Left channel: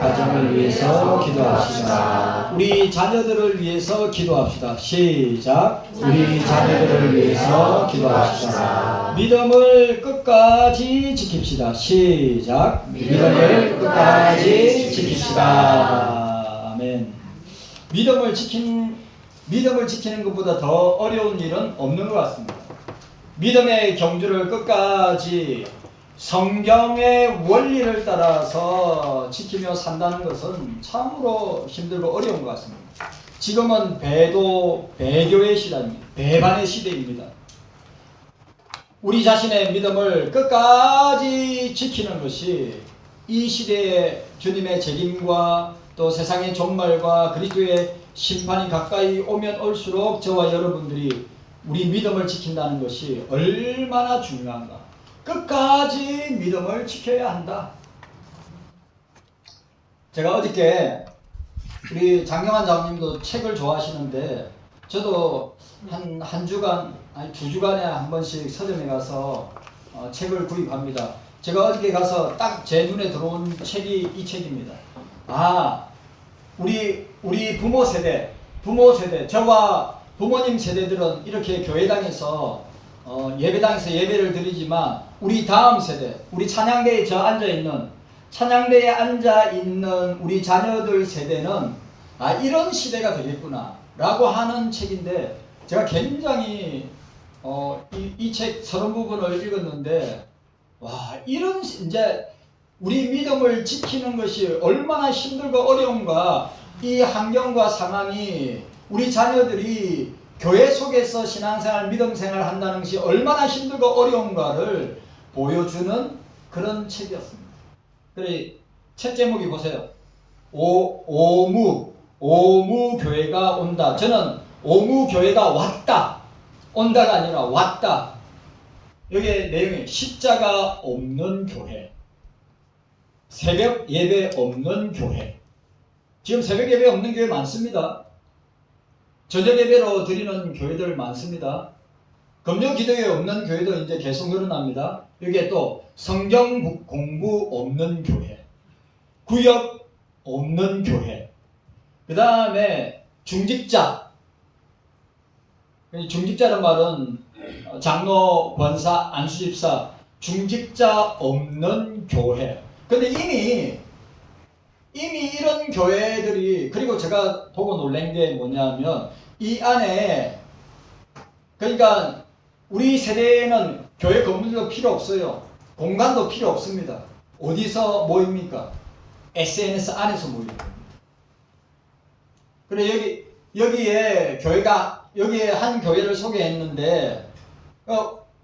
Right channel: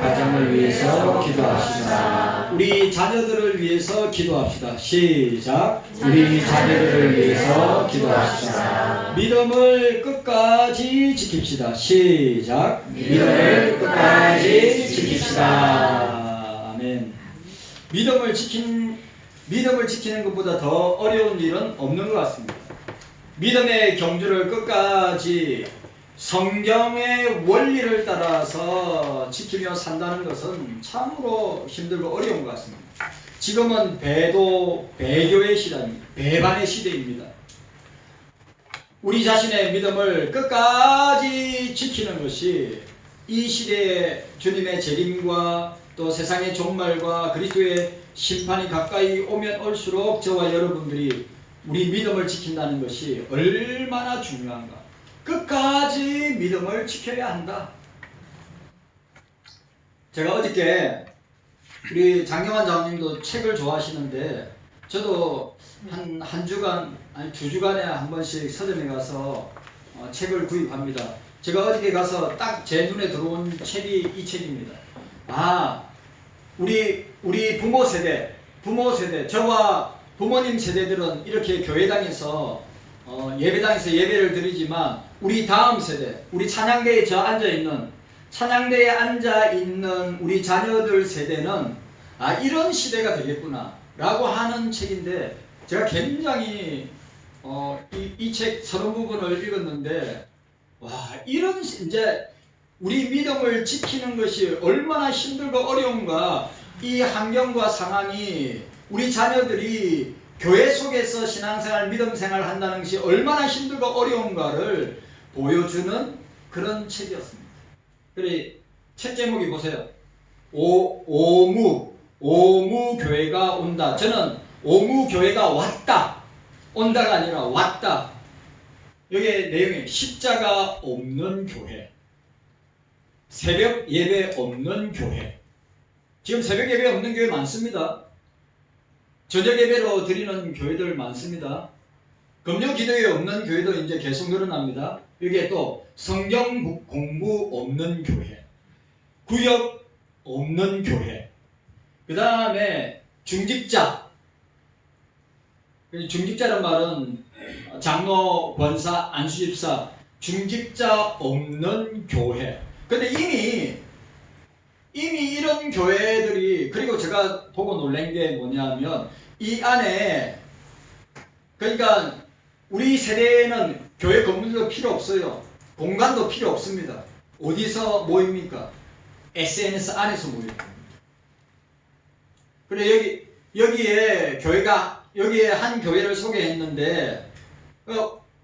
가정을 위해서 기도합시다. 우리 자녀들을 위해서 기도합시다. 시작. 우리 자녀들을 위해서 기도합시다. 믿음을 끝까지 지킵시다. 시작. 믿음을 끝까지 지킵시다. 아멘. 믿음을 지키는 것보다 더 어려운 일은 없는 것 같습니다. 믿음의 경주를 끝까지 성경의 원리를 따라서 지키며 산다는 것은 참으로 힘들고 어려운 것 같습니다. 지금은 배교의 시대입니다. 배반의 시대입니다. 우리 자신의 믿음을 끝까지 지키는 것이 이 시대의 주님의 재림과 또 세상의 종말과 그리스도의 심판이 가까이 오면 올수록 저와 여러분들이 우리 믿음을 지킨다는 것이 얼마나 중요한가. 끝까지 믿음을 지켜야 한다. 제가 어저께 우리 장경환 장님도 책을 좋아하시는데 저도 한 주간 아니 2주간에 한 번씩 서점에 가서 책을 구입합니다. 제가 어저께 가서 딱 제 눈에 들어온 책이 이 책입니다. 우리 부모 세대 저와 부모님 세대들은 이렇게 교회당에서 예배당에서 예배를 드리지만 우리 다음 세대, 우리 찬양대에 찬양대에 앉아있는 우리 자녀들 세대는 이런 시대가 되겠구나 라고 하는 책인데 제가 굉장히 이 책 서론 부분을 읽었는데 이런 이제 우리 믿음을 지키는 것이 얼마나 힘들고 어려운가. 이 환경과 상황이 우리 자녀들이 교회 속에서 신앙생활, 믿음생활 한다는 것이 얼마나 힘들고 어려운가를 보여주는 그런 책이었습니다. 그래 책 제목이 보세요. 오무교회가 온다. 저는 오무교회가 왔다. 온다가 아니라 왔다. 여기에 내용이 십자가 없는 교회, 새벽 예배 없는 교회. 지금 새벽 예배 없는 교회 많습니다. 저녁 예배로 드리는 교회들 많습니다. 금요 기도회 없는 교회도 이제 계속 늘어납니다. 여기에 또 성경 공부 없는 교회, 구역 없는 교회, 그 다음에 중직자라는 말은 장로, 권사, 안수집사, 중직자 없는 교회. 근데 이미 이런 교회들이, 그리고 제가 보고 놀란 게 뭐냐면 이 안에, 그러니까 우리 세대에는 교회 건물도 필요 없어요. 공간도 필요 없습니다. 어디서 모입니까? SNS 안에서 모입니다. 그래 여기에 한 교회를 소개했는데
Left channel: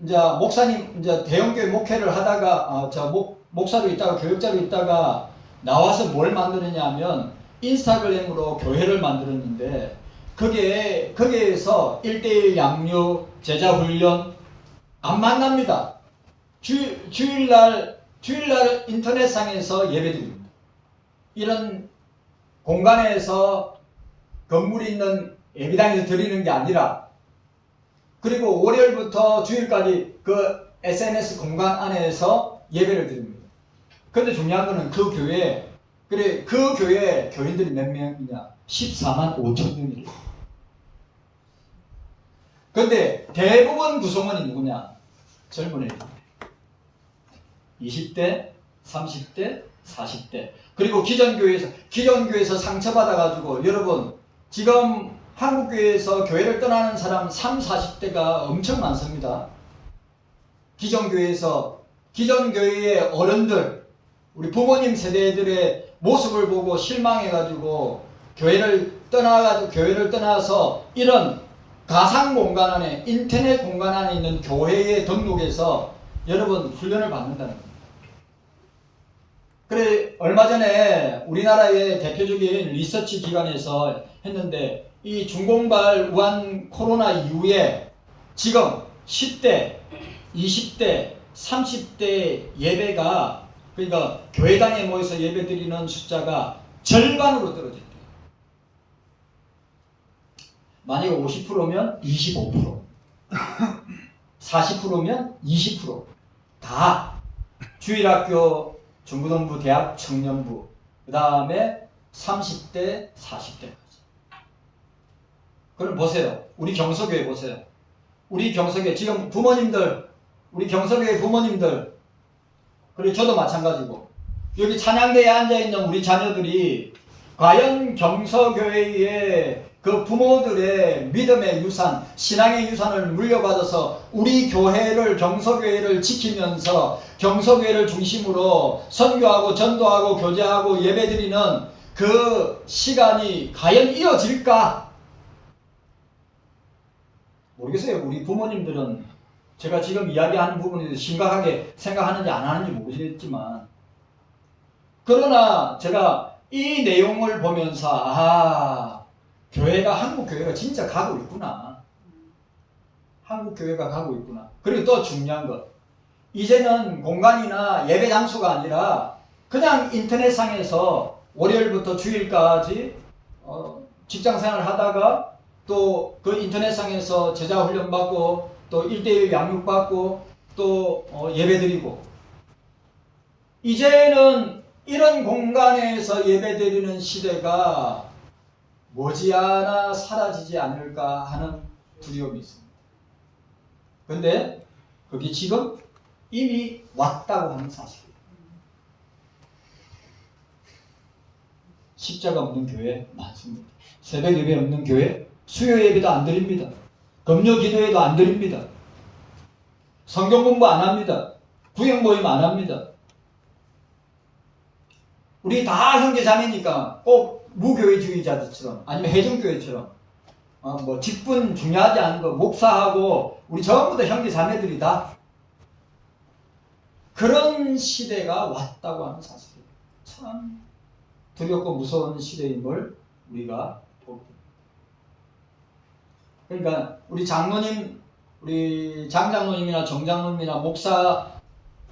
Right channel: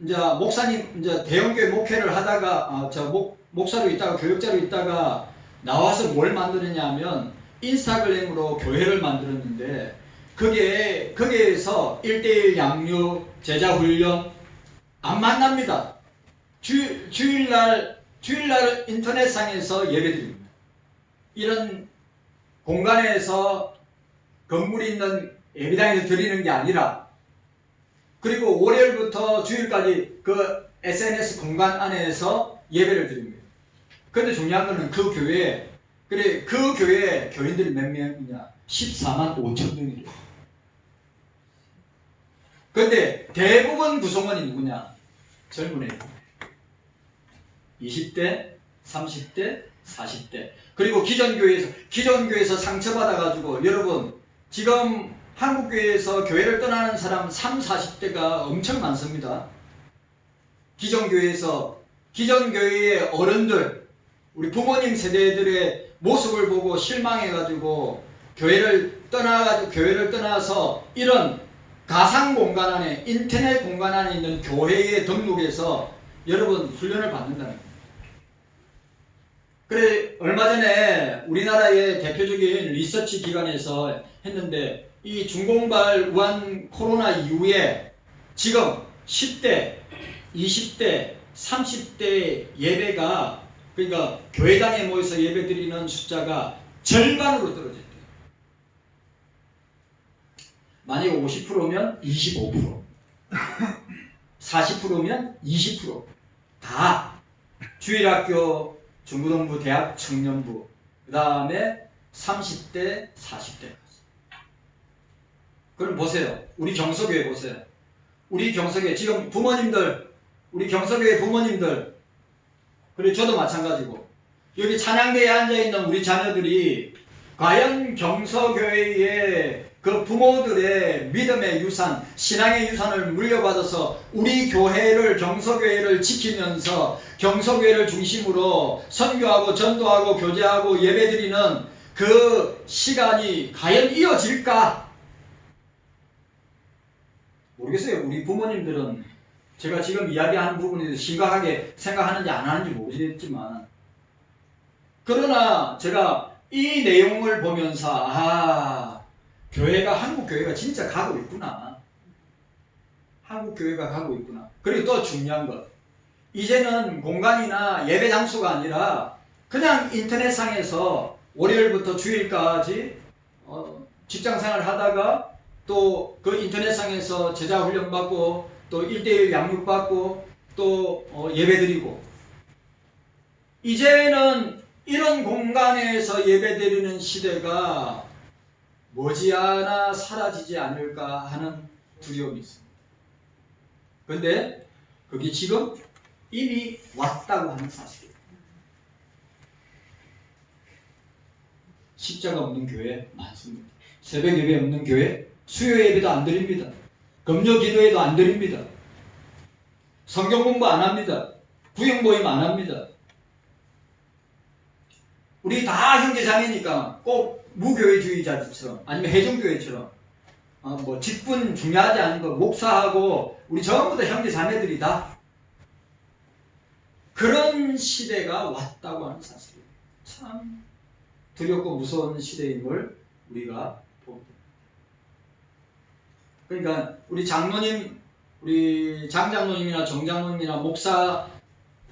이제 목사님 이제 대형교회 목회를 하다가 목사로 있다가 교육자로 있다가 나와서 뭘 만드느냐면 인스타그램으로 교회를 만들었는데 거기에서 1:1 양육, 제자훈련 안 만납니다. 주일날 인터넷상에서 예배드립니다. 이런 공간에서 건물이 있는 예배당에서 드리는 게 아니라, 그리고 월요일부터 주일까지 그 SNS 공간 안에서 예배를 드립니다. 근데 중요한 거는 그 교회 교인들이 몇 명이냐? 14만 5천 명이래요. 근데 대부분 구성원이 누구냐? 젊은 애들. 20대, 30대, 40대. 그리고 기존교회에서 상처받아가지고, 여러분, 지금 한국교회에서 교회를 떠나는 사람 30, 40대가 엄청 많습니다. 기존교회의 어른들, 우리 부모님 세대들의 모습을 보고 실망해가지고 교회를 떠나서 이런 가상 공간 안에, 인터넷 공간 안에 있는 교회에 등록해서 여러분 훈련을 받는다는 겁니다. 그래 얼마 전에 우리나라의 대표적인 리서치 기관에서 했는데, 이 중공발 우한 코로나 이후에 지금 10대, 20대, 30대 예배가, 그러니까 교회당에 모여서 예배드리는 숫자가 절반으로 떨어졌대요. 만약에 50%면 25%, 40%면 20%. 다 주일학교, 중고등부, 대학, 청년부, 그 다음에 30대, 40대까지. 그럼 보세요. 우리 경서교회 보세요. 우리 경서교회 지금 부모님들, 우리 경서교회 부모님들, 그리고 저도 마찬가지고 여기 찬양대에 앉아있는 우리 자녀들이 과연 경서교회의 그 부모들의 믿음의 유산, 신앙의 유산을 물려받아서 우리 교회를, 경서교회를 지키면서 경서교회를 중심으로 선교하고 전도하고 교제하고 예배드리는 그 시간이 과연 이어질까? 모르겠어요. 우리 부모님들은 제가 지금 이야기하는 부분에 심각하게 생각하는지 안 하는지 모르겠지만, 그러나 제가 이 내용을 보면서 교회가, 한국 교회가 진짜 가고 있구나. 한국 교회가 가고 있구나. 그리고 또 중요한 것, 이제는 공간이나 예배 장소가 아니라 그냥 인터넷상에서 월요일부터 주일까지 직장생활 하다가 또 그 인터넷상에서 제자 훈련 받고 또 1:1 양육 받고 또 예배드리고, 이제는 이런 공간에서 예배드리는 시대가 머지않아 사라지지 않을까 하는 두려움이 있습니다. 근데 그게 지금 이미 왔다고 하는 사실이에요. 십자가 없는 교회 많습니다. 새벽 예배 없는 교회, 수요 예배도 안 드립니다. 금요 기도회도 안 드립니다. 성경 공부 안 합니다. 구역 모임 안 합니다. 우리 다 형제 자매니까 꼭 무교회주의자들처럼 아니면 해중교회처럼 뭐 직분 중요하지 않은 거, 목사하고 우리 전부 다 형제 자매들이다. 그런 시대가 왔다고 하는 사실이에요. 참 두렵고 무서운 시대임을 우리가 보게 됩니다. 그러니까 우리 장로님, 우리 장장로님이나 정장로님이나 목사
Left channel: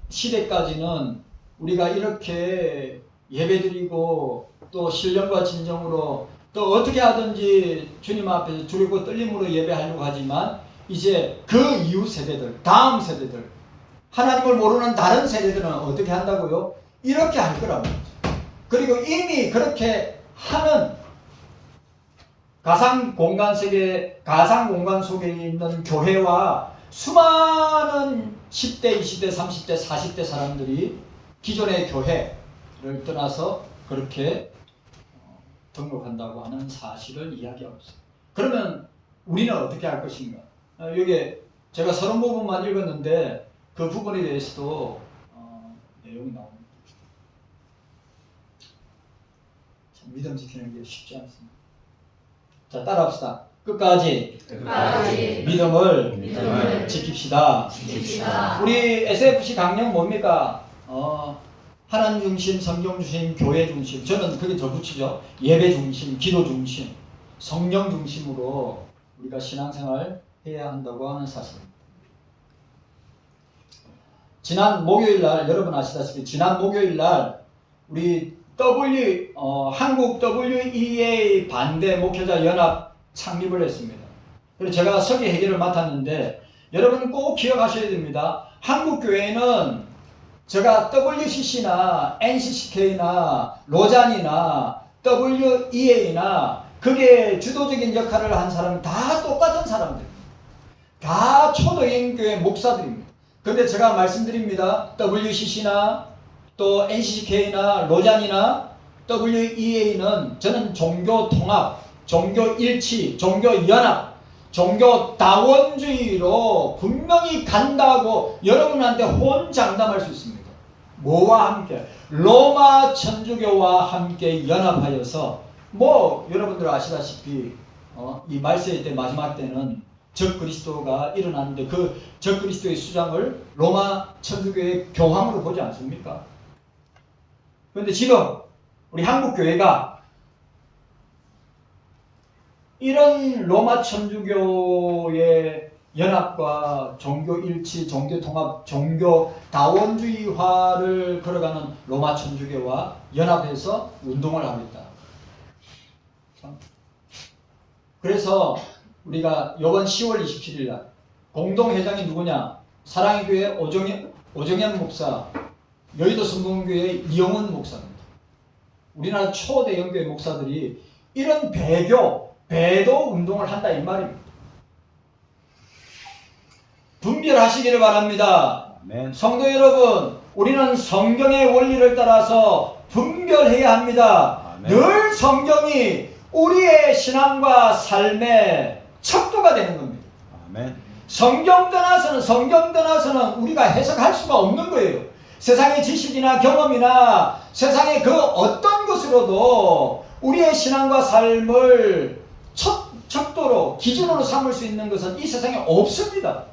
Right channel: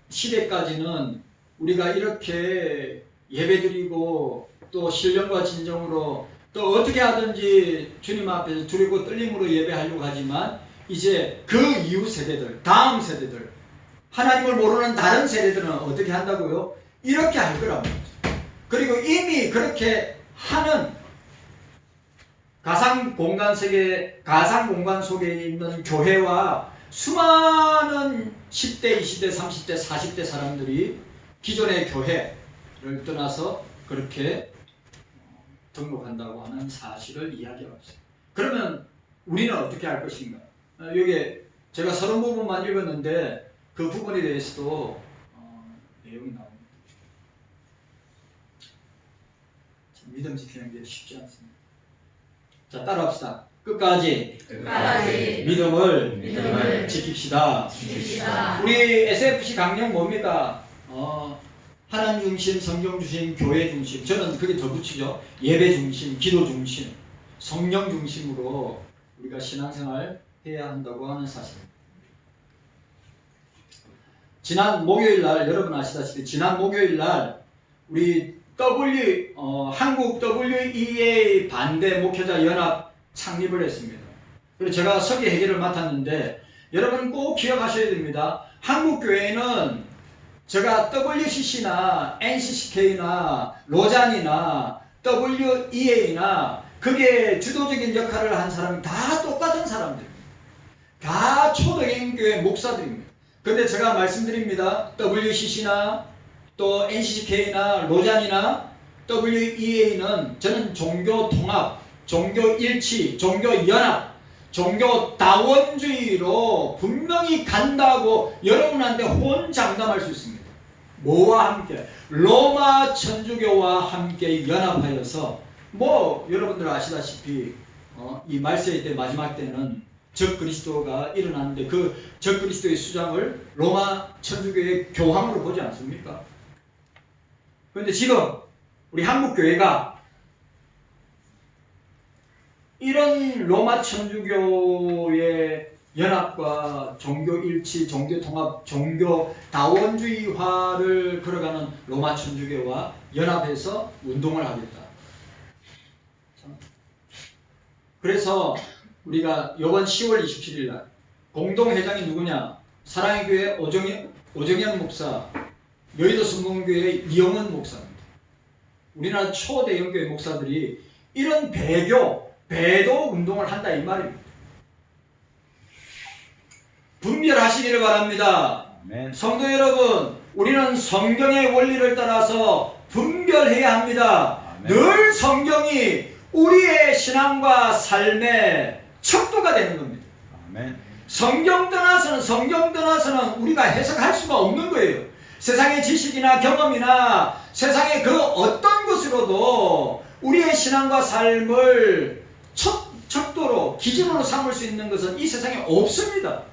시대까지는 우리가 이렇게 예배드리고 또 신령과 진정으로 또 어떻게 하든지 주님 앞에서 두렵고 떨림으로 예배하려고 하지만, 이제 그 이후 세대들, 다음 세대들, 하나님을 모르는 다른 세대들은 어떻게 한다고요? 이렇게 할 거라고. 그리고 이미 그렇게 하는 가상 공간 속에 있는 교회와 수많은 10대, 20대, 30대, 40대 사람들이 기존의 교회를 떠나서 그렇게 등록한다고 하는 사실을 이야기하고 있어요. 그러면 우리는 어떻게 할 것인가? 여기 제가 30부분만 읽었는데 그 부분에 대해서도 내용이 나옵니다. 믿음 지키는 게 쉽지 않습니다. 자, 따라합시다. 끝까지 믿음을 지킵시다. 우리 SFC 강령 뭡니까? 하나님 중심, 성경 중심, 교회 중심. 저는 그게 더 붙이죠. 예배 중심, 기도 중심, 성령 중심으로 우리가 신앙생활 해야 한다고 하는 사실입니다. 지난 목요일 날, 여러분 아시다시피 지난 목요일 날 우리 한국 WEA 반대 목회자 연합 창립을 했습니다. 그래서 제가 설계 회계를 맡았는데, 여러분 꼭 기억하셔야 됩니다. 한국 교회는 제가 WCC나 NCCK나 로잔이나 WEA나 그게 주도적인 역할을 한 사람이 다 똑같은 사람들입니다. 다 초대교회 목사들입니다. 그런데 제가 말씀드립니다. WCC나 또 NCCK나 로잔이나 WEA는 저는 종교 통합, 종교 일치, 종교 연합, 종교 다원주의로 분명히 간다고 여러분한테 혼장담할 수 있습니다. 뭐와 함께? 로마 천주교와 함께 연합하여서, 여러분들 아시다시피 이 말세의 때 마지막 때는 적그리스도가 일어나는데 그 적그리스도의 수장을 로마 천주교의 교황으로 보지 않습니까? 그런데 지금 우리 한국 교회가 이런 로마 천주교의 연합과 종교 일치, 종교 통합, 종교 다원주의화를 걸어가는 로마 천주교와 연합해서 운동을 하겠다. 그래서 우리가 이번 10월 27일 날 공동회장이 누구냐? 사랑의 교회 오정현 목사, 여의도 성공교회 이영은 목사입니다. 우리나라 초대형교회 목사들이 이런 배도 운동을 한다 이 말입니다. 분별하시기를 바랍니다. 아멘. 성도 여러분, 우리는 성경의 원리를 따라서 분별해야 합니다. 아멘. 늘 성경이 우리의 신앙과 삶의 척도가 되는 겁니다. 아멘. 성경 떠나서는 우리가 해석할 수가 없는 거예요. 세상의 지식이나 경험이나 세상의 그 어떤 것으로도 우리의 신앙과 삶을 척도로 기준으로 삼을 수 있는 것은 이 세상에 없습니다.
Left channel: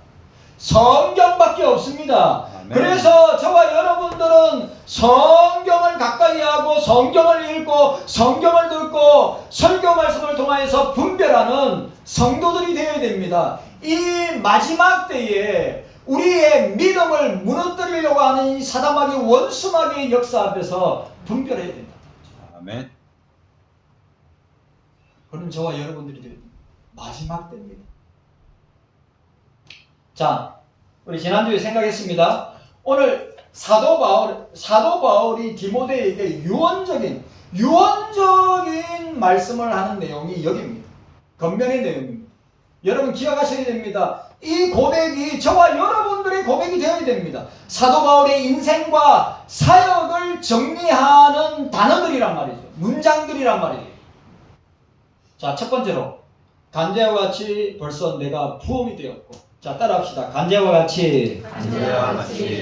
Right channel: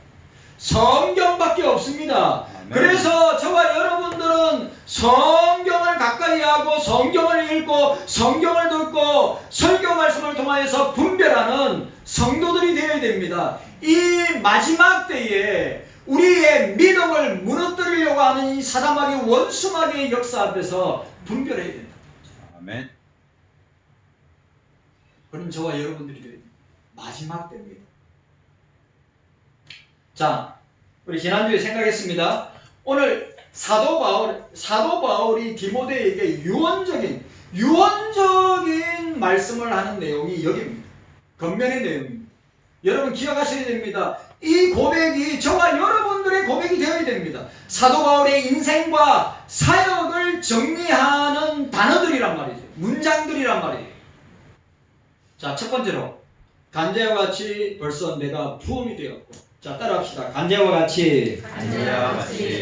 성경밖에 없습니다. 아멘. 그래서 저와 여러분들은 성경을 가까이 하고 성경을 읽고 성경을 듣고 설교 말씀을 통하여서 분별하는 성도들이 되어야 됩니다. 이 마지막 때에 우리의 믿음을 무너뜨리려고 하는 이 사단마귀 원수마귀의 역사 앞에서 분별해야 된다. 아멘. 그럼 저와 여러분들이 마지막 때입니다. 자, 우리 지난주에 생각했습니다. 오늘 사도 바울이 디모데에게 유언적인 말씀을 하는 내용이 여기입니다. 겉면의 내용입니다. 여러분 기억하셔야 됩니다. 이 고백이 저와 여러분들의 고백이 되어야 됩니다. 사도 바울의 인생과 사역을 정리하는 단어들이란 말이죠. 문장들이란 말이에요. 자, 첫 번째로 간제와 같이 벌써 내가 부험이 되었고, 자 따라합시다. 간제와 같이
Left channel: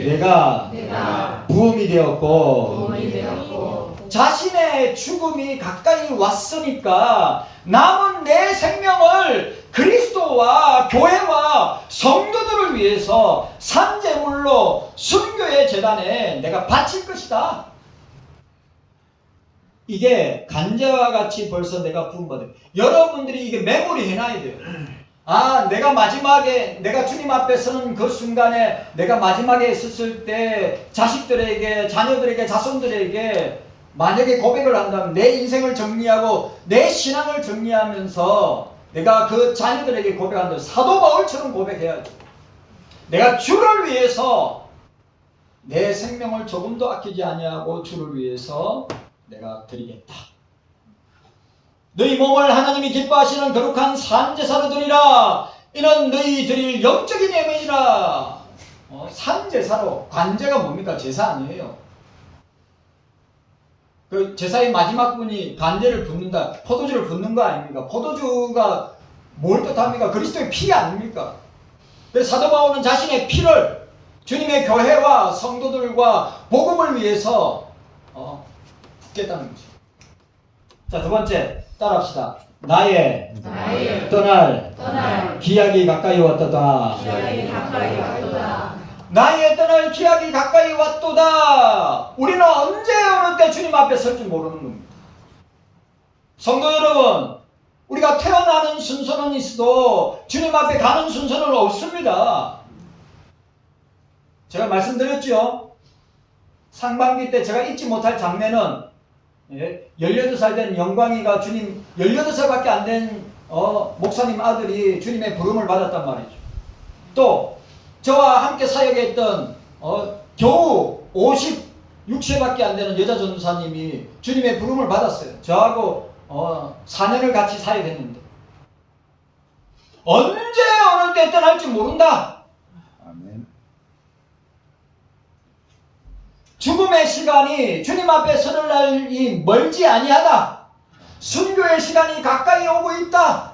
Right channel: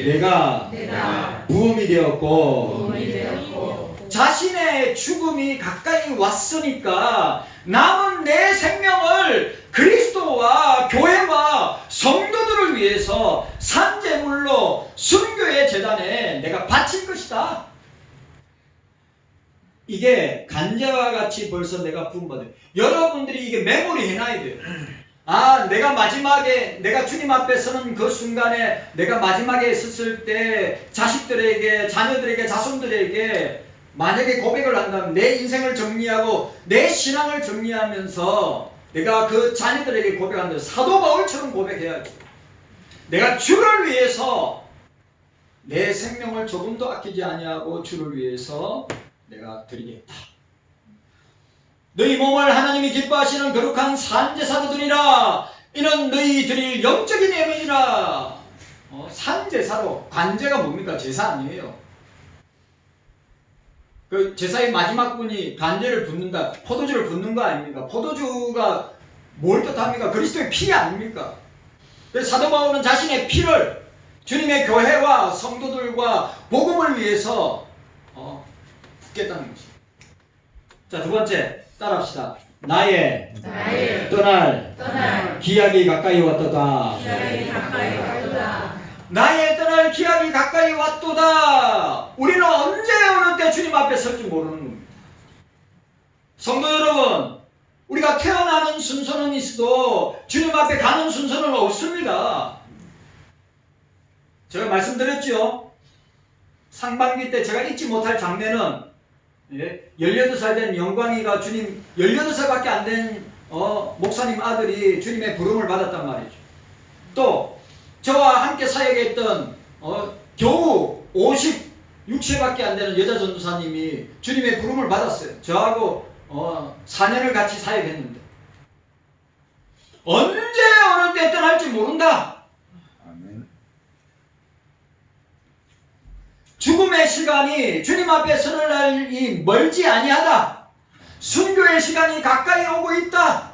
내가 부험이 되었고, 자신의 죽음이 가까이 왔으니까 남은 내 생명을 그리스도와 교회와 성도들을 위해서 산제물로 순교의 제단에 내가 바칠 것이다. 이게 간제와 같이 벌써 내가 부음받은, 여러분들이 이게 메모리 해놔야 돼요. 아, 내가 마지막에, 내가 주님 앞에 서는 그 순간에, 내가 마지막에 있었을 때 자식들에게, 자녀들에게, 자손들에게 만약에 고백을 한다면 내 인생을 정리하고 내 신앙을 정리하면서 내가 그 자녀들에게 고백한다면 사도 바울처럼 고백해야지. 내가 주를 위해서 내 생명을 조금도 아끼지 아니하고 주를 위해서 내가 드리겠다. 너희 몸을 하나님이 기뻐하시는 거룩한 산제사로 드리라. 이는 너희 드릴 영적인 예물이라. 산제사로, 관제가 뭡니까? 제사 아니에요. 그 제사의 마지막 분이 관제를 붓는다, 포도주를 붓는 거 아닙니까? 포도주가 뭘 뜻합니까? 그리스도의 피 아닙니까? 그래서 사도 바울은 자신의 피를 주님의 교회와 성도들과 복음을 위해서 붓겠다는 것입니다. 자, 두 번째 따라합시다. 나의 떠날 기약이 가까이 왔도다. 나의 떠날 기약이 가까이 왔도다. 우리는 언제 어느 때 주님 앞에 설지 모르는 겁니다. 성도 여러분, 우리가 태어나는 순서는 있어도 주님 앞에 가는 순서는 없습니다. 제가 말씀드렸죠. 상반기 때 제가 잊지 못할 장면은 18살 된 영광이가 주님, 18살밖에 안 된 목사님 아들이 주님의 부름을 받았단 말이죠. 또 저와 함께 사역했던 겨우 56세밖에 안 되는 여자 전도사님이 주님의 부름을 받았어요. 저하고 4년을 같이 사역했는데 언제 어느 때 떠날지 모른다. 아멘. 죽음의 시간이 주님 앞에 서는 날이 멀지 아니하다. 순교의 시간이 가까이 오고 있다.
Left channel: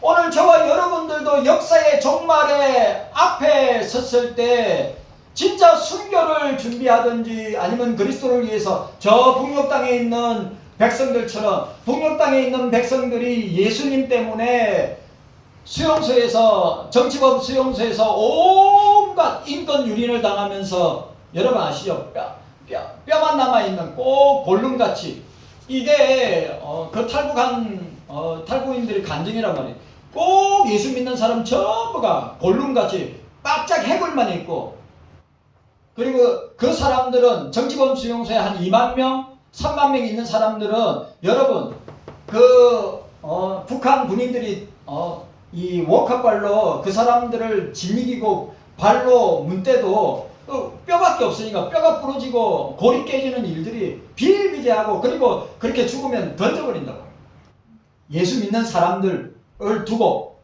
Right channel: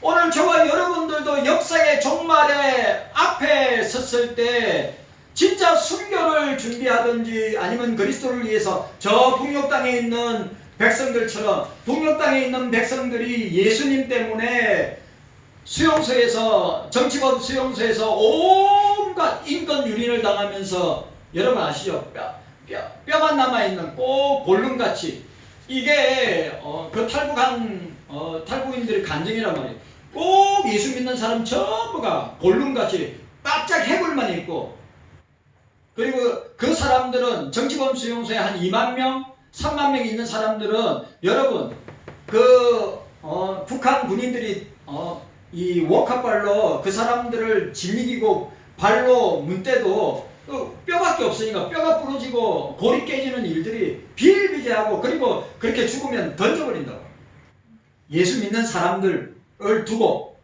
오늘 저와 여러분들도 역사의 종말에 앞에 섰을 때 진짜 순교를 준비하든지 아니면 그리스도를 위해서 저 북녘 땅에 있는 백성들처럼, 북녘 땅에 있는 백성들이 예수님 때문에 수용소에서, 정치범 수용소에서 온갖 인권 유린을 당하면서, 여러분 아시죠? 뼈만 남아있는 꼭 골룸같이, 이게 그 탈북한 탈북인들의 간증이란 말이에요. 꼭 예수 믿는 사람 전부가 골룸같이 바짝 해골만 있고, 그리고 그 사람들은 정치범 수용소에 한 2만 명, 3만 명 있는 사람들은, 여러분 그 북한 군인들이 이 워커발로 그 사람들을 짓이기고 발로 문 때도 뼈밖에 없으니까 뼈가 부러지고 골이 깨지는 일들이 비일비재하고 그리고 그렇게 죽으면 던져버린다고. 예수 믿는 사람들을 두고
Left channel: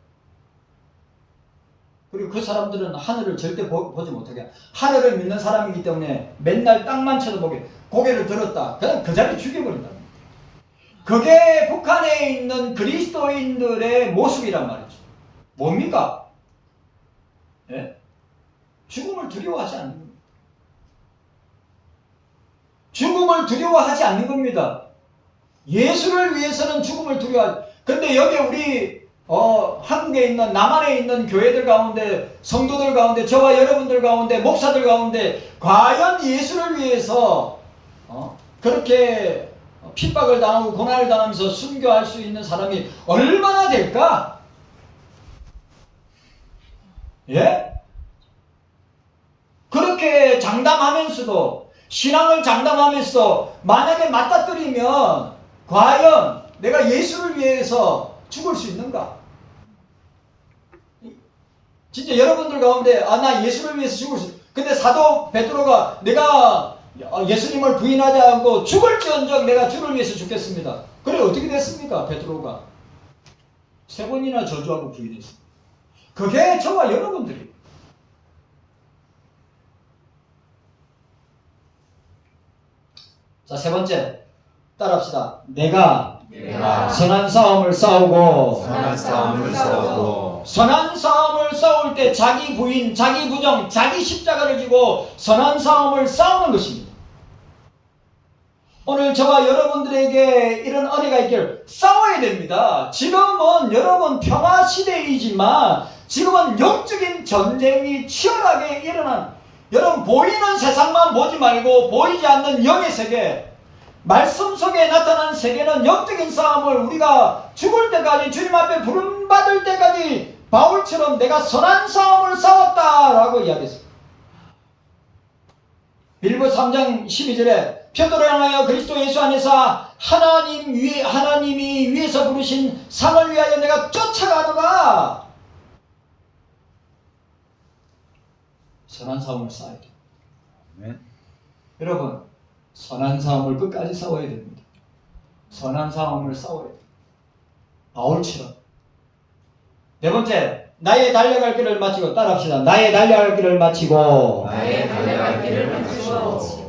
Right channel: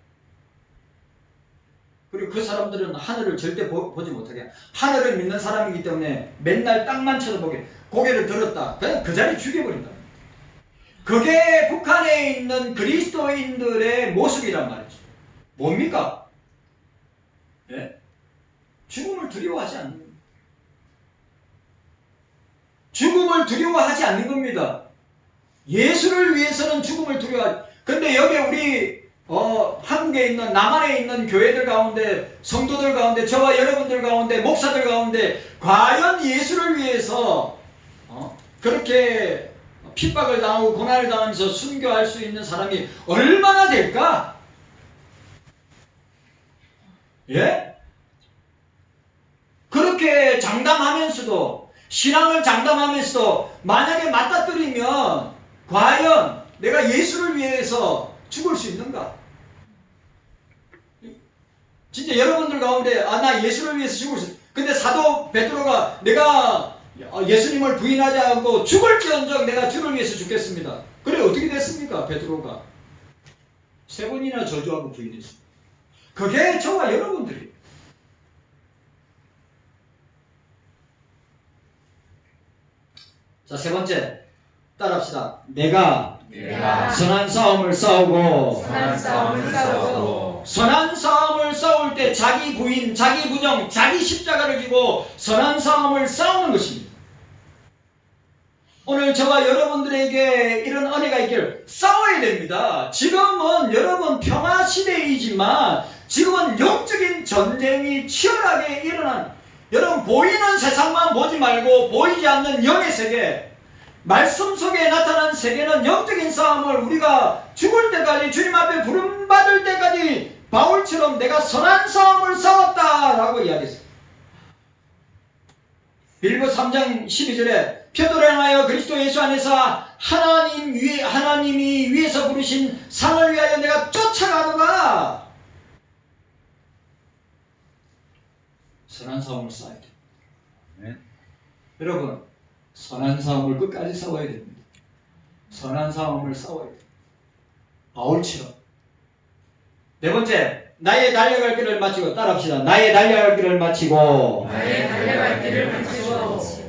그리고 그 사람들은 하늘을 절대 보지 못하게 하늘을 믿는 사람이기 때문에 맨날 땅만 쳐다보게 고개를 들었다. 그냥 그 자리에 죽여버린다. 그게 북한에 있는 그리스도인들의 모습이란 말이죠. 뭡니까? 예? 죽음을 두려워하지 않는 겁니다. 죽음을 두려워하지 않는 겁니다. 예수를 위해서는 죽음을 두려워하지. 근데 여기 우리 한국에 있는 남한에 있는 교회들 가운데 성도들 가운데 저와 여러분들 가운데 목사들 가운데 과연 예수를 위해서 그렇게 핍박을 당하고 고난을 당하면서 순교할 수 있는 사람이 얼마나 될까? 예? 그렇게 장담하면서도 신앙을 장담하면서도 만약에 맞닥뜨리면 과연 내가 예수를 위해서 죽을 수 있는가? 진짜 여러분들 가운데 나 예수를 위해서 죽을 수 근데 사도 베드로가 내가 예수님을 부인하지 않고 죽을지언정 내가 주를 위해서 죽겠습니다. 그래 어떻게 됐습니까? 베드로가 3번이나 저주하고 부인했습니다. 그게 저와 여러분들이 자, 3번째 따라합시다. 내가 선한 싸움을 싸우고 선한 싸움을 싸울 때 자기 부인, 자기 부정, 자기 십자가를 지고 선한 싸움을 싸우는 것입니다. 오늘 저와 여러분들에게 이런 은혜가 있기를 싸워야 됩니다. 지금은 여러분 평화 시대이지만 지금은 영적인 전쟁이 치열하게 일어난 여러분 보이는 세상만 보지 말고 보이지 않는 영의 세계 말씀 속에 나타난 세계는 영적인 싸움을 우리가 죽을 때까지 주님 앞에 부름받을 때까지 바울처럼 내가 선한 싸움을 싸웠다라고 이야기했습니다. 빌보 3장 12절에 표도를 향하여 그리스도 예수 안에서 하나님이 위에서 부르신 상을 위하여 내가 쫓아가노라. 선한 싸움을 싸워야 돼요. 네. 여러분 선한 싸움을 끝까지 싸워야 됩니다. 선한 싸움을 싸워야 돼요. 바울처럼. 4번째 나의 달려갈 길을 마치고 따라합시다. 나의 달려갈 길을 마치고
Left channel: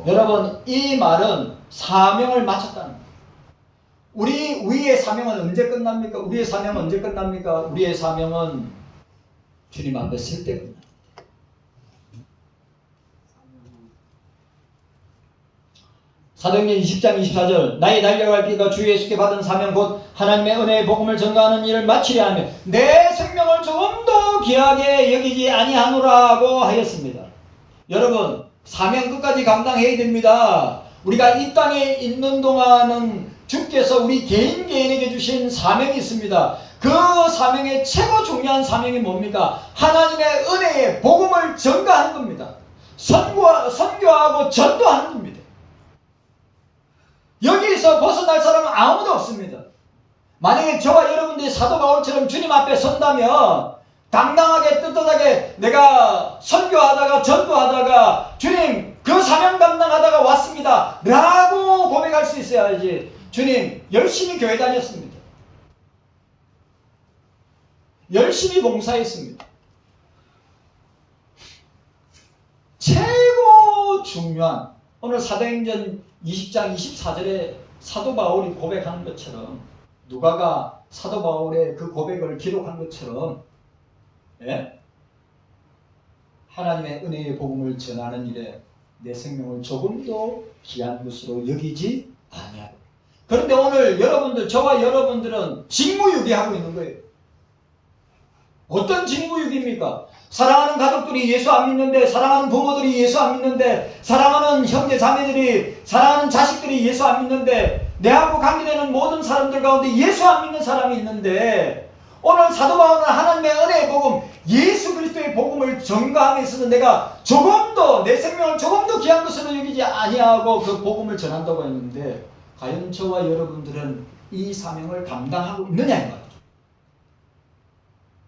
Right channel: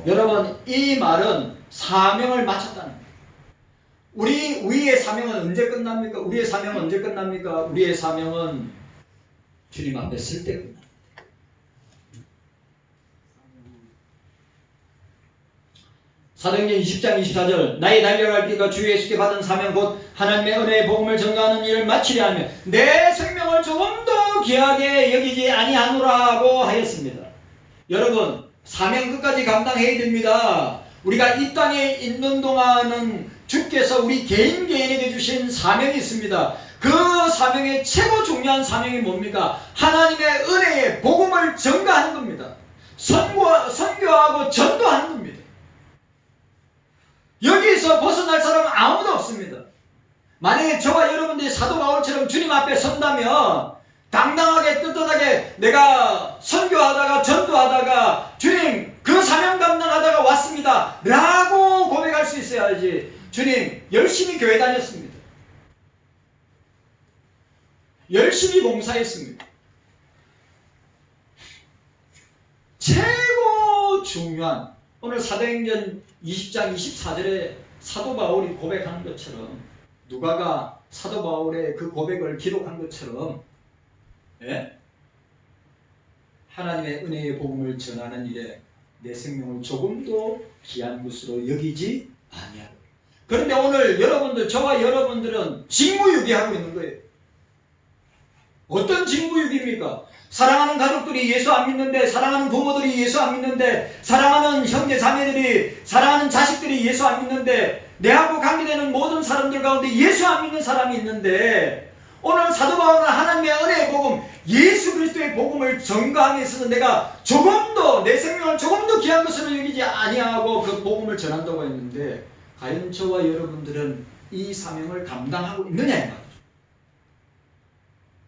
여러분 이 말은 사명을 마쳤다는 거예요. 우리의 사명은 언제 끝납니까? 우리의 사명은 언제 끝납니까? 우리의 사명은 주님 앞에 설 때 끝납니다. 사도행전 20장 24절 나의 달려갈 길과 주 예수께 받은 사명 곧 하나님의 은혜의 복음을 전가하는 일을 마치려 하며 내 생명을 조금도 귀하게 여기지 아니하노라고 하였습니다. 여러분 사명 끝까지 감당해야 됩니다. 우리가 이 땅에 있는 동안은 주께서 우리 개인에게 주신 사명이 있습니다. 그 사명의 최고 중요한 사명이 뭡니까? 하나님의 은혜의 복음을 전가하는 겁니다. 선교하고 전도하는 겁니다. 여기서 벗어날 사람은 아무도 없습니다. 만약에 저와 여러분들이 사도 바울처럼 주님 앞에 선다면 당당하게 떳떳하게 내가 선교하다가 전도하다가 주님 그 사명 감당하다가 왔습니다 라고 고백할 수 있어야지. 주님 열심히 교회 다녔습니다. 열심히 봉사했습니다. 최고 중요한 오늘 사도행전 20장 24절에 사도 바울이 고백하는 것처럼 누가가 사도 바울의 그 고백을 기록한 것처럼 하나님의 은혜의 복음을 전하는 일에 내 생명을 조금도 귀한 것으로 여기지 아니하라. 그런데 오늘 여러분들 저와 여러분들은 직무유기하고 있는 거예요. 어떤 직무유기입니까? 사랑하는 가족들이 예수 안 믿는데, 사랑하는 부모들이 예수 안 믿는데, 사랑하는 형제 자매들이, 사랑하는 자식들이 예수 안 믿는데, 내하고 관계되는 모든 사람들 가운데 예수 안 믿는 사람이 있는데, 오늘 사도 바울은 하나님의 은혜의 복음, 예수 그리스도의 복음을 전가함에 있어서 내가 조금도 내 생명을 조금도 귀한 것으로 여기지 아니하고 그 복음을 전한다고 했는데, 과연 저와 여러분들은 이 사명을 감당하고 있느냐 이 말이죠.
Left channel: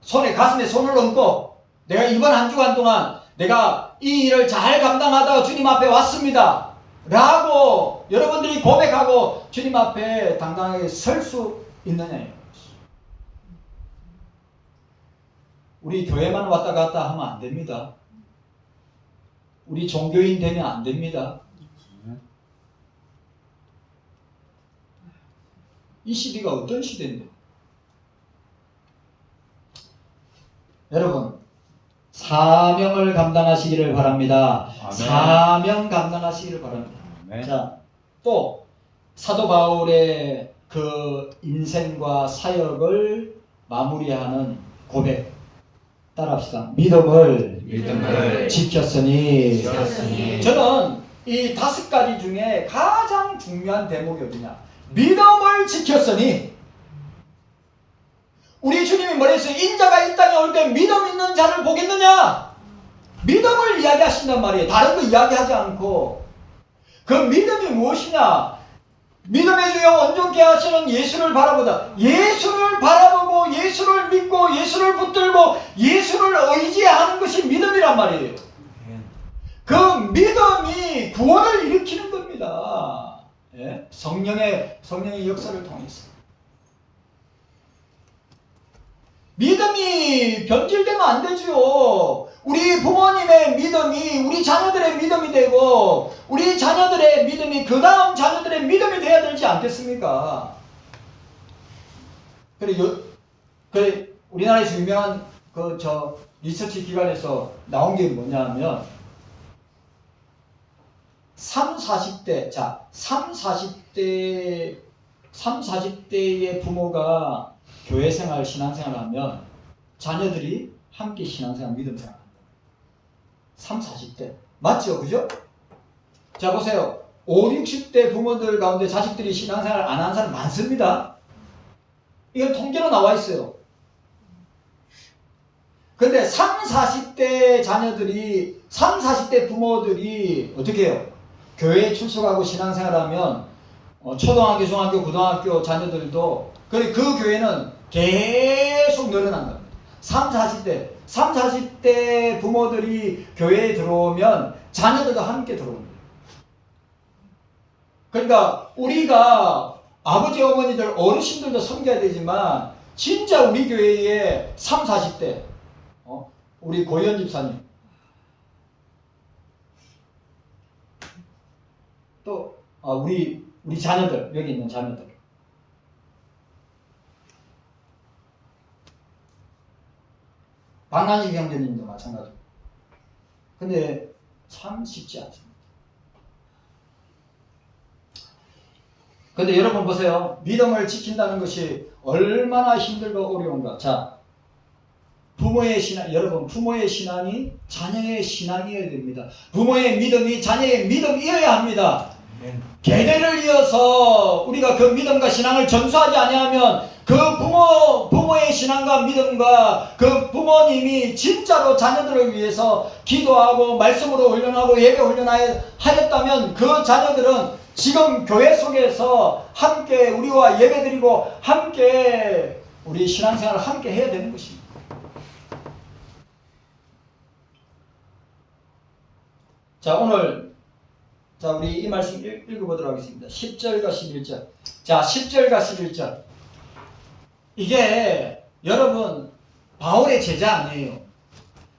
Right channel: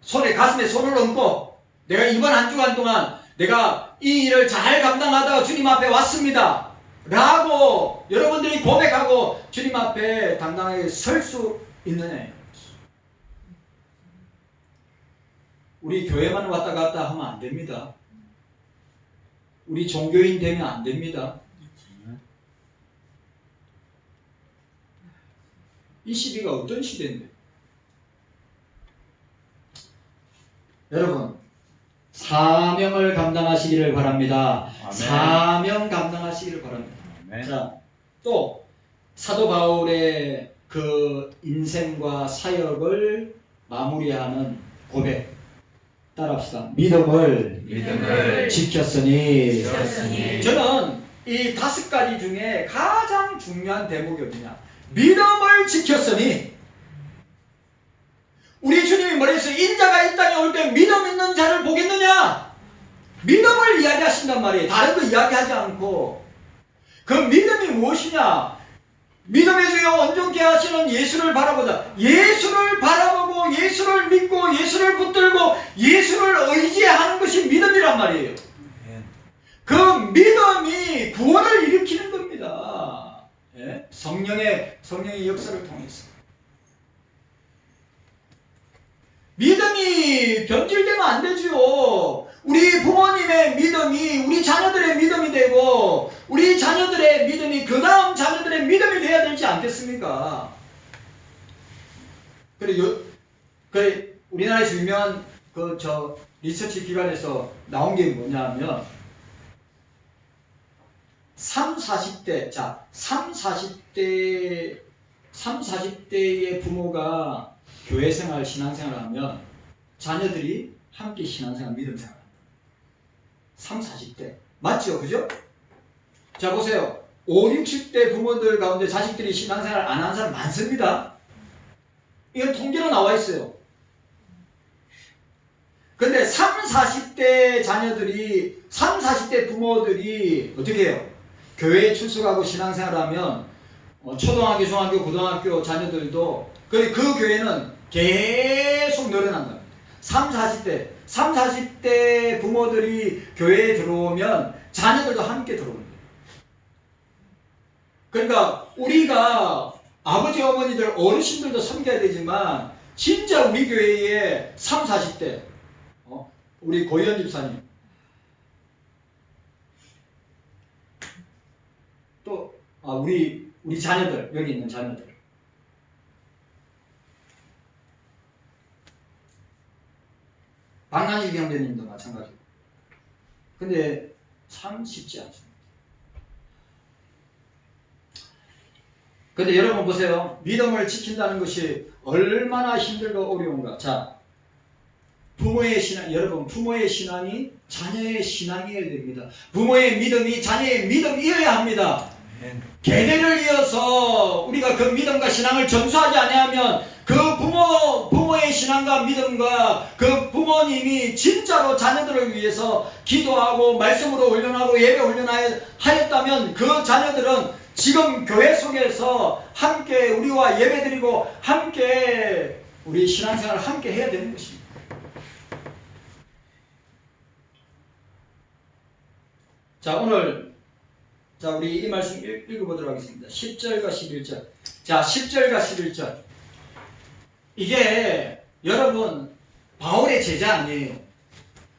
손에 가슴에 손을 얹고 내가 이번 한 주간 동안 내가 이 일을 잘 감당하다가 주님 앞에 왔습니다 라고 여러분들이 고백하고 주님 앞에 당당하게 설 수 있느냐. 우리 교회만 왔다 갔다 하면 안 됩니다. 우리 종교인 되면 안 됩니다. 이 시대가 어떤 시대인데? 여러분, 사명을 감당하시기를 바랍니다. 아멘. 사명 감당하시기를 바랍니다. 아멘. 자, 또 사도 바울의 그 인생과 사역을 마무리하는 고백 따라합시다. 믿음을 지켰으니. 저는 이 5가지 중에 가장 중요한 대목이 어디냐? 믿음을 지켰으니. 우리 주님이 뭐랬어요? 인자가 이 땅에 올 때 믿음 있는 자를 보겠느냐? 믿음을 이야기하신단 말이에요. 다른 거 이야기하지 않고. 그 믿음이 무엇이냐? 믿음의 주여 온전케 하시는 예수를 바라보다. 예수를 바라보고 예수를 믿고 예수를 붙들고 예수를 의지하는 것이 믿음이란 말이에요. 그 믿음이 구원을 일으키는 겁니다. 예? 성령의 역사를 통해서. 믿음이 변질되면 안 되죠. 우리 부모님의 믿음이 우리 자녀들의 믿음이 되고 우리 자녀들의 믿음이 그 다음 자녀들의 믿음이 돼야 되지 않겠습니까? 그리고 우리나라에서 유명한 리서치 기관에서 나온 게 뭐냐 하면 40, 40대의 부모가 교회 생활, 신앙생활을 하면 자녀들이 함께 신앙생활, 믿음생활 합니다. 40대. 맞죠? 그죠? 자, 보세요. 60대 부모들 가운데 자식들이 신앙생활 안 하는 사람 많습니다. 이건 통계로 나와 있어요. 근데 40대 자녀들이, 40대 부모들이 어떻게 해요? 교회에 출석하고 신앙생활을 하면 초등학교, 중학교, 고등학교 자녀들도 그 교회는 계속 늘어난다. 40대 부모들이 교회에 들어오면 자녀들도 함께 들어옵니다. 그러니까 우리가 아버지, 어머니들, 어르신들도 섬겨야 되지만 진짜 우리 교회에 40대 우리 고현 집사님 또 우리 자녀들, 여기 있는 자녀들 박난식 형제님도 마찬가지고. 근데 참 쉽지 않습니다. 근데 여러분 보세요. 믿음을 지킨다는 것이 얼마나 힘들고 어려운가. 자, 부모의 신앙, 여러분 부모의 신앙이 자녀의 신앙이어야 됩니다. 부모의 믿음이 자녀의 믿음이어야 합니다. 계대를 이어서 우리가 그 믿음과 신앙을 전수하지 아니하면 그 부모의 신앙과 믿음과 그 부모님이 진짜로 자녀들을 위해서 기도하고 말씀으로 훈련하고 예배 훈련하였다면 그 자녀들은 지금 교회 속에서 함께 우리와 예배드리고 함께 우리 신앙생활을 함께 해야 되는 것입니다. 자, 오늘 우리 이 말씀 읽어보도록 하겠습니다. 10절과 11절. 자, 10절과 11절. 이게 여러분 바울의 제자 아니에요.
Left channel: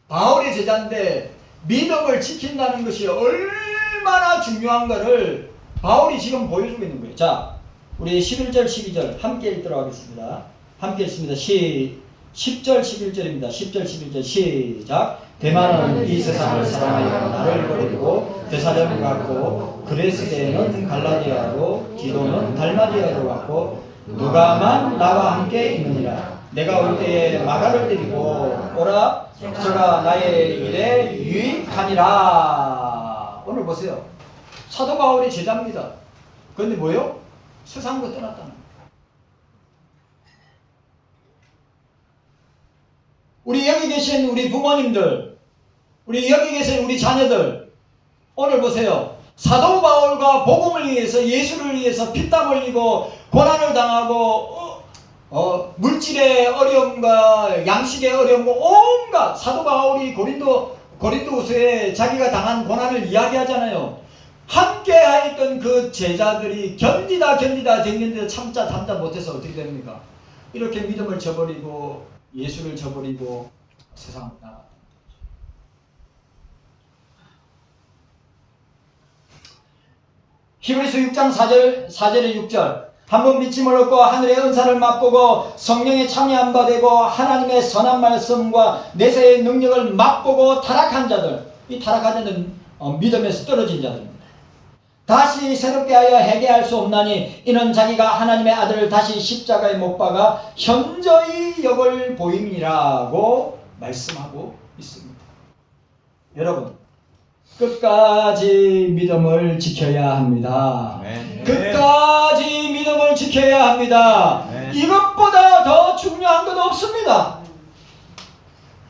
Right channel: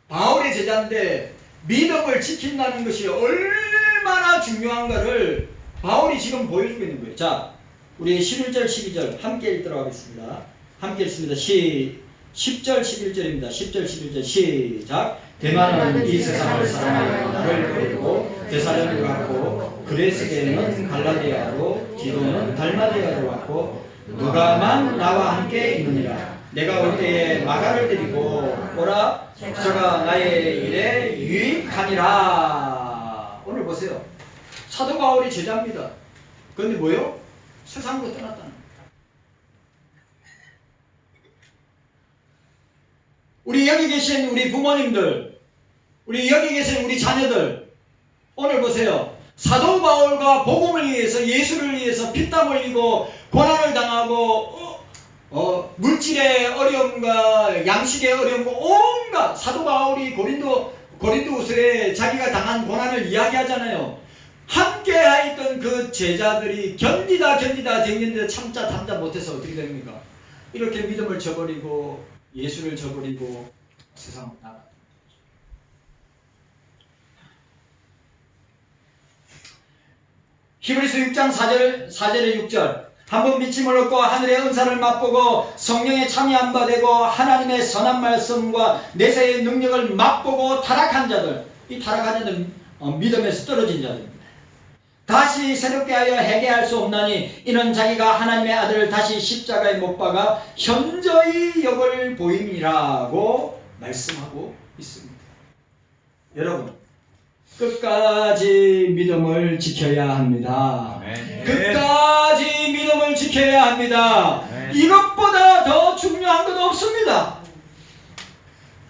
바울의 제자인데 믿음을 지킨다는 것이 얼마나 중요한가를 바울이 지금 보여주고 있는 거예요. 자, 우리 11절, 12절 함께 읽도록 하겠습니다. 함께 읽습니다. 10절, 11절입니다. 10절, 11절 시작. 대만은 이 세상을 사랑하여 나를 버리고 데살로니가로 갔고 그레스게는 갈라디아로 디도는 달마디아로 갔고 누가만 나와 함께 있느니라. 내가 올 때에 마가를 데리고 오라. 저가 나의 일에 유익하니라. 오늘 보세요. 사도 바울이 제자입니다. 그런데 뭐요? 세상으로 떠났다는 거예요. 우리 여기 계신 우리 부모님들, 우리 여기 계신 우리 자녀들, 오늘 보세요. 사도 바울과 복음을 위해서, 예수를 위해서 피땀 흘리고 고난을 당하고 물질의 어려움과 양식의 어려움과 온갖 사도 바울이 고린도 고린도후서에 자기가 당한 고난을 이야기하잖아요. 함께 하였던 그 제자들이 견디다 참자 못해서 어떻게 됩니까? 이렇게 믿음을 저버리고 예수를 저버리고 세상으로 나가. 히브리서 6장 4절에 6절 한번 믿음을 얻고 하늘의 은사를 맛보고 성령에 참여한 바 되고 하나님의 선한 말씀과 내세의 능력을 맛보고 타락한 자들, 이 타락한 자들은 믿음에서 떨어진 자들입니다. 다시 새롭게 하여 회개할 수 없나니 이는 자기가 하나님의 아들을 다시 십자가에 못 박아 현저히 역을 보임이라고 말씀하고 있습니다. 여러분, 끝까지 믿음을 지켜야 합니다. 아멘. 끝까지 믿음을 지켜야 합니다. 아멘. 이것보다 더 중요한 건 없습니다.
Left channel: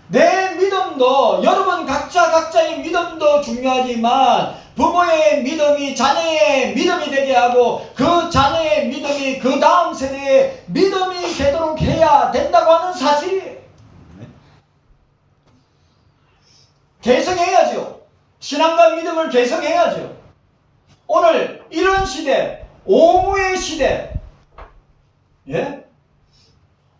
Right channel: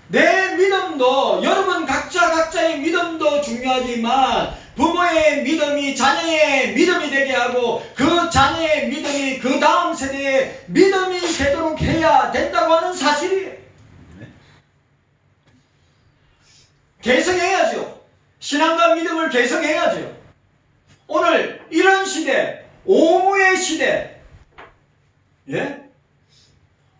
내 믿음도, 여러분 각자의 믿음도 중요하지만 부모의 믿음이 자녀의 믿음이 되게 하고 그 자녀의 믿음이 그 다음 세대의 믿음이 되도록 해야 된다고 하는 사실이에요. 개성해야죠. 신앙과 믿음을 개성해야죠. 오늘 이런 시대, 오무의 시대, 예?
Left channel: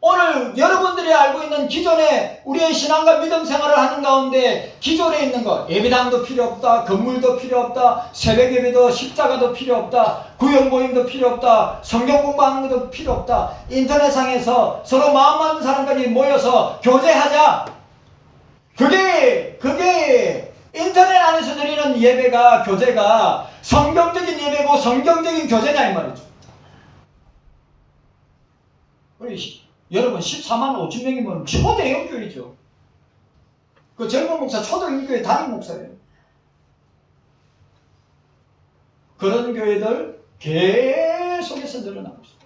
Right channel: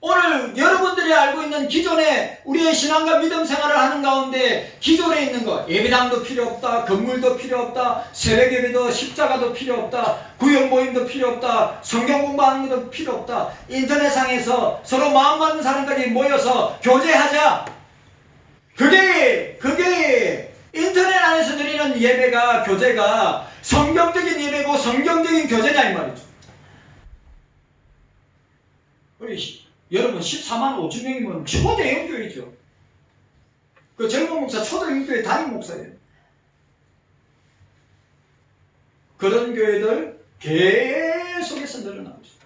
오늘 여러분들이 알고 있는 기존에 우리의 신앙과 믿음 생활을 하는 가운데 기존에 있는 것, 예배당도 필요 없다, 건물도 필요 없다, 새벽 예배도 십자가도 필요 없다, 구역 모임도 필요 없다, 성경 공부하는 것도 필요 없다, 인터넷상에서 서로 마음 맞는 사람까지 모여서 교제하자. 그게 인터넷 안에서 드리는 예배가, 교제가 성경적인 예배고 성경적인 교제냐 이 말이죠. 우리 여러분 14만 5천 명이면 초대형 교회죠. 그 젊은 목사 초대형 교회 담임 목사예요. 그런 교회들 계속해서 늘어나고 있습니다.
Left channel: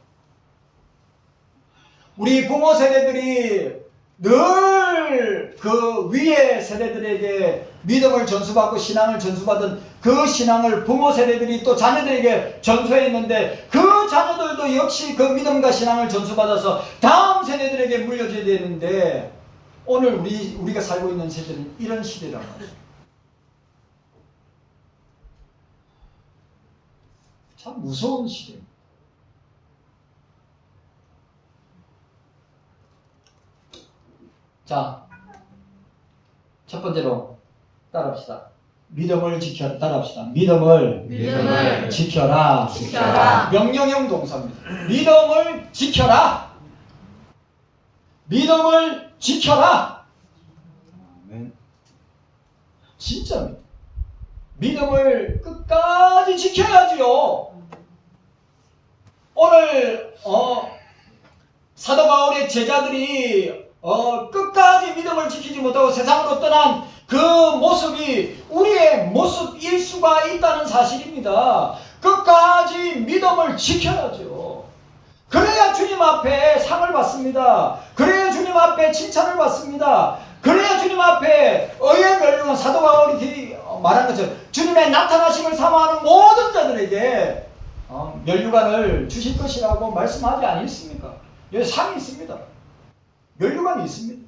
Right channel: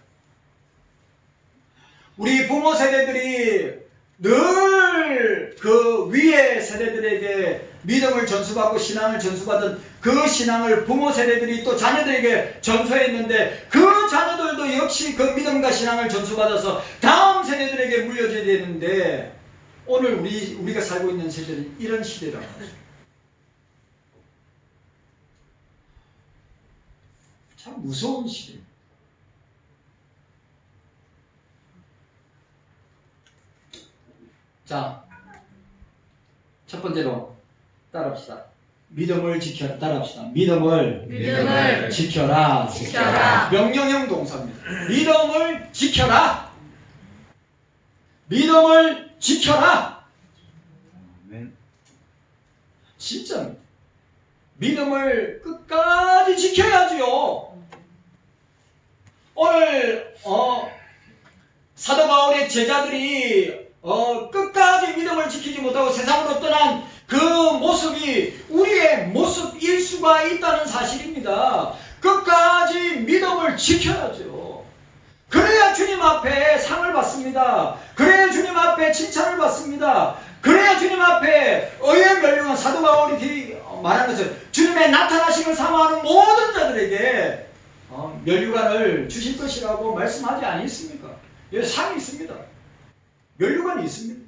우리 부모 세대들이 늘 그 위의 세대들에게 믿음을 전수받고 신앙을 전수받은 그 신앙을 부모 세대들이 또 자녀들에게 전수했는데 그 자녀들도 역시 그 믿음과 신앙을 전수받아서 다음 세대들에게 물려줘야 되는데 오늘 우리가 살고 있는 세대는 이런 시대라고 합니다. 참 무서운 시대입니다. 자, 첫 번째로 따라합시다. 믿음을 지켜라. 따라합시다. 믿음을 지켜라. 명령형 동사입니다. 믿음을 지켜라. 믿음을 지켜라. 아멘. 진짜입니다. 믿음을 끝까지 지켜야지요. 오늘 사도 바울의 제자들이 끝까지 믿음을 지키지 못하고 세상으로 떠난 그 모습이 우리의 모습일 수가 있다는 사실입니다. 끝까지 믿음을 지켜야죠. 그래야 주님 앞에 상을 받습니다. 그래야 주님 앞에 칭찬을 받습니다. 그래야 주님 앞에 의의 멸류관, 사도 바울이 말한 것처럼 주님의 나타나심을 사모하는 모든 자들에게 멸류관을 주실 것이라고 말씀하지 않습니까? 여기 상이 있습니다. 멸류관이 있습니다.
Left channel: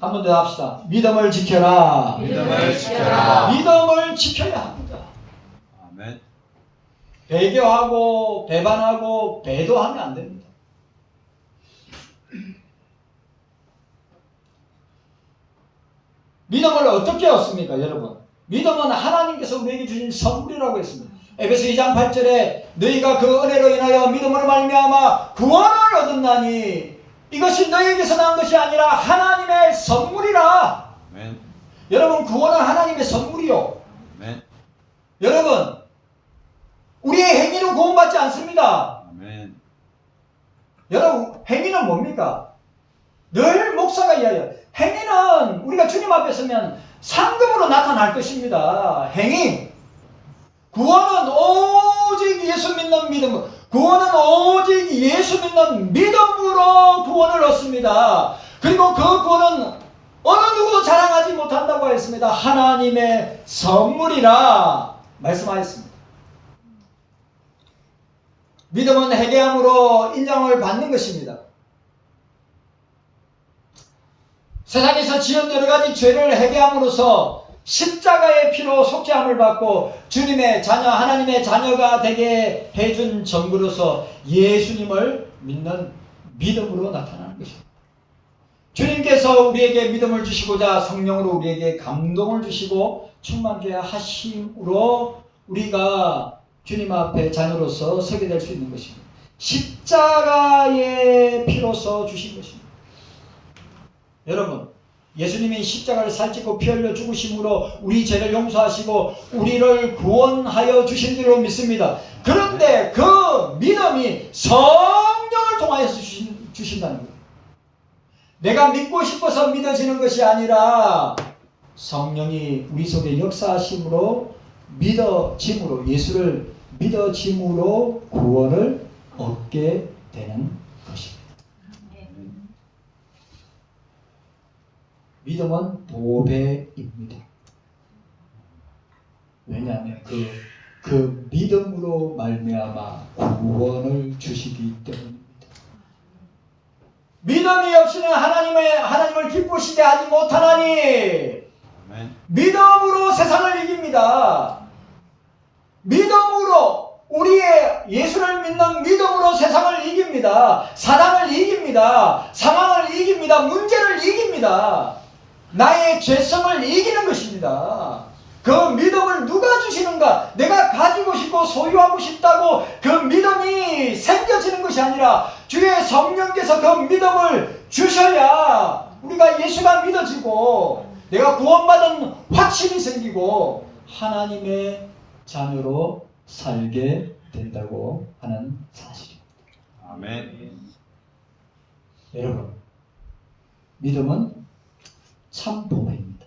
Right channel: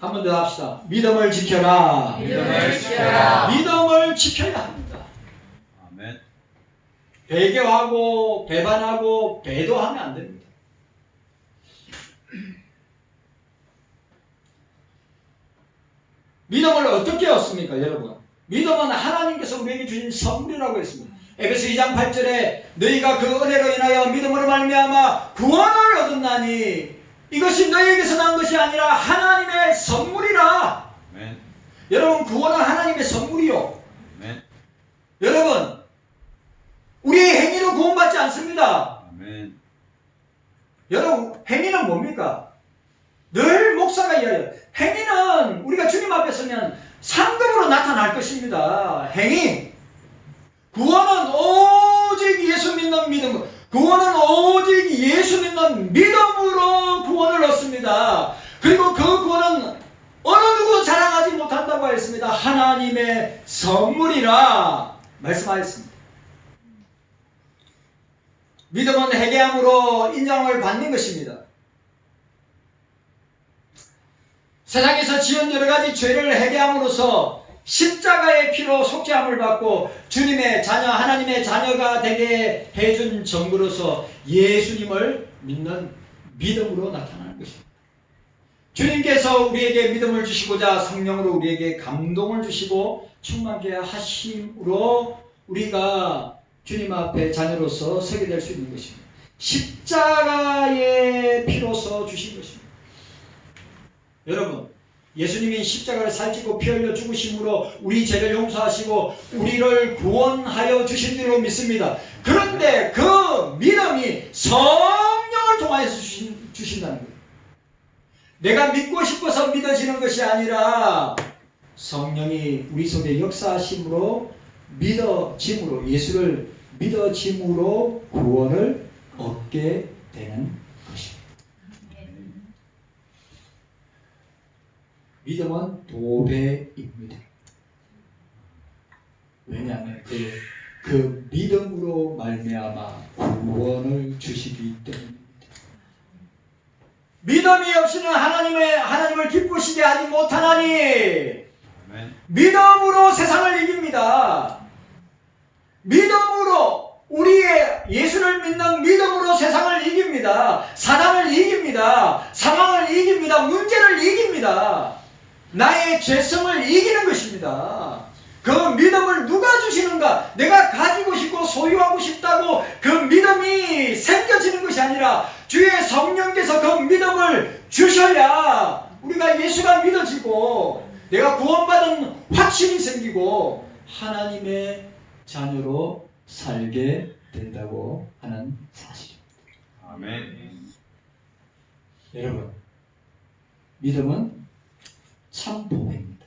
한 번 더 합시다. 믿음을 지켜라. 믿음을 지켜라. 믿음을 지켜야 합니다. 아멘. 배교하고 배반하고 배도하면 안 됩니다. 믿음을 어떻게 얻습니까, 여러분? 믿음은 하나님께서 우리에게 주신 선물이라고 했습니다. 에베소 2장 8절에 너희가 그 은혜로 인하여 믿음으로 말미암아 구원을 얻었나니 이것이 너희에게서 난 것이 아니라 하나님의 선물이라. 아멘. 여러분, 구원은 하나님의 선물이요. 아멘. 여러분, 우리의 행위로 구원받지 않습니다. 아멘. 여러분, 행위는 뭡니까? 늘 목사가 이야기해요. 행위는 우리가 주님 앞에 서면 상급으로 나타날 것입니다. 행위. 구원은 오직 예수 믿는 믿음, 구원은 오직 예수 믿는 믿음으로 구원을 얻습니다. 그리고 그 구원은 어느 누구도 자랑하지 못한다고 했습니다. 하나님의 선물이라 말씀하였습니다. 믿음은 회개함으로 인정을 받는 것입니다. 세상에서 지은 여러 가지 죄를 회개함으로써 십자가의 피로 속죄함을 받고 주님의 자녀, 하나님의 자녀가 되게 해준 정부로서 예수님을 믿는 믿음으로 나타나는 것입니다. 주님께서 우리에게 믿음을 주시고자 성령으로 우리에게 감동을 주시고 충만케 하심으로 우리가 주님 앞에 자녀로서 서게 될 수 있는 것입니다. 십자가의 피로서 주신 것입니다. 여러분, 예수님이 십자가를 살찌고 피 흘려 죽으심으로 우리 죄를 용서하시고 우리를 구원하여 주신 줄로 믿습니다. 그런데 그 믿음이 성령을 통하여서 주신다는 거예요. 내가 믿고 싶어서 믿어지는 것이 아니라 성령이 우리 속에 역사하심으로 믿어짐으로, 예수를 믿어짐으로 구원을 얻게 되는 것입니다. 믿음은 도배입니다. 왜냐하면 그 믿음으로 말미암아 구원을 주시기 때문입니다. 믿음이 없이는 하나님을 기쁘시게 하지 못하나니 믿음으로 세상을 이깁니다. 믿음으로 우리의 예수를 믿는 믿음으로 세상을 이깁니다. 사단을 이깁니다. 상황을 이깁니다. 문제를 이깁니다. 나의 죄성을 이기는 것입니다. 그 믿음을 누가 주시는가? 내가 가지고 싶고 소유하고 싶다고 그 믿음이 생겨지는 것이 아니라 주의 성령께서 그 믿음을 주셔야 우리가 예수가 믿어지고 내가 구원받은 확신이 생기고 하나님의 자녀로 살게 된다고 하는 사실입니다. 아멘. 여러분, 믿음은 참 보배입니다.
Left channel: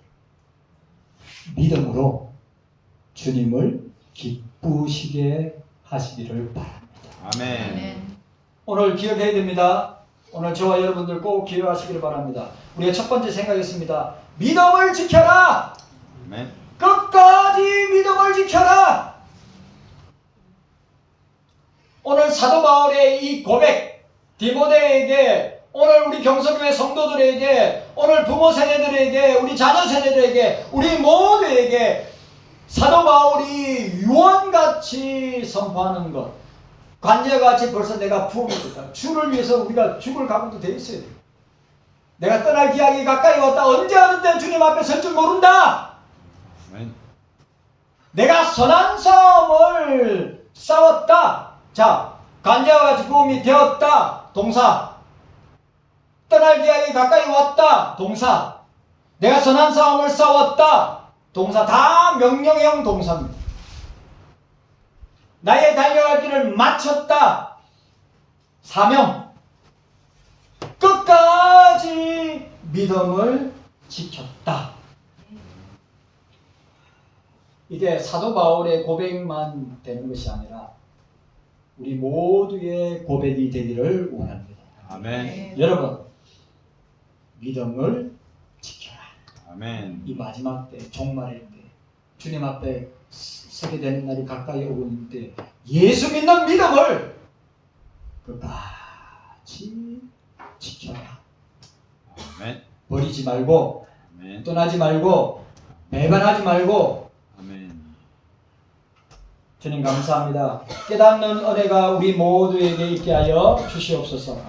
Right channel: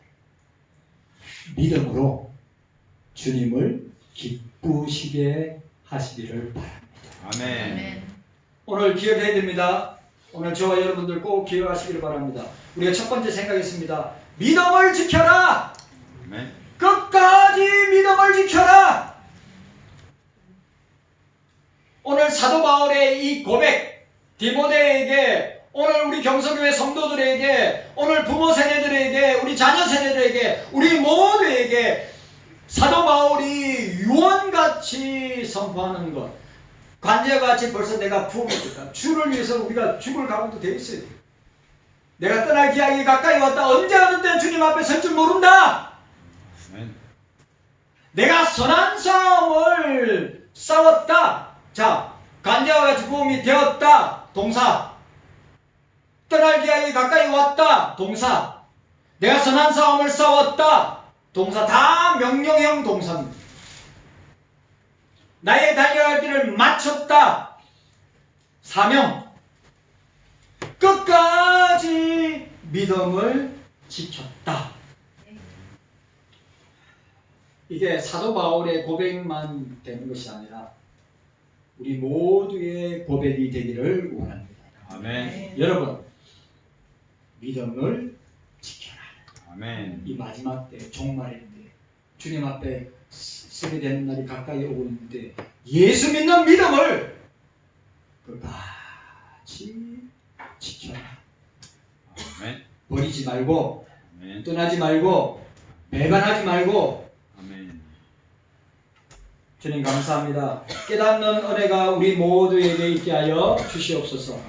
믿음으로 주님을 기쁘시게 하시기를 바랍니다. 아멘. 오늘 기억해야 됩니다. 오늘 저와 여러분들 꼭 기억하시기를 바랍니다. 우리가 첫 번째 생각했습니다. 믿음을 지켜라. 아멘. 끝까지 믿음을 지켜라. 오늘 사도 바울의 이 고백, 디모데에게, 오늘 우리 경서교회 성도들에게, 오늘 부모 세대들에게, 우리 자녀 세대들에게, 우리 모두에게 사도 바울이 유언같이 선포하는 것, 관제같이 벌써 내가 부어먹었다. 주를 위해서 우리가 죽을 각오도 되어 있어야 돼요. 내가 떠날 기약이 가까이 왔다. 언제 어느 때 주님 앞에 설 줄 모른다. 아멘. 내가 선한 싸움을 싸웠다. 자, 관제와 같이 부음이 되었다. 동사. 떠날 기약이 가까이 왔다. 동사. 내가 선한 싸움을 싸웠다. 동사. 다 명령형 동사입니다. 나의 달려갈 길을 마쳤다. 사명. 끝까지 믿음을 지켰다. 이게 사도 바울의 고백만 되는 것이 아니라 우리 모두의 고백이 되기를 원합니다. 아멘. 여러분, 믿음을 지켜라. 아멘. 이 마지막 때, 종말의 때, 주님 앞에 서게 되는 날이 가까이 오고 있는데 예수 믿는 믿음을 끝까지 지켜라. 아멘. 버리지 말고, 아멘. 떠나지 말고, 배반하지 말고. 아멘. 주님 감사합니다. 깨닫는 은혜가 우리 모두에게 있게 하여 주시옵소서.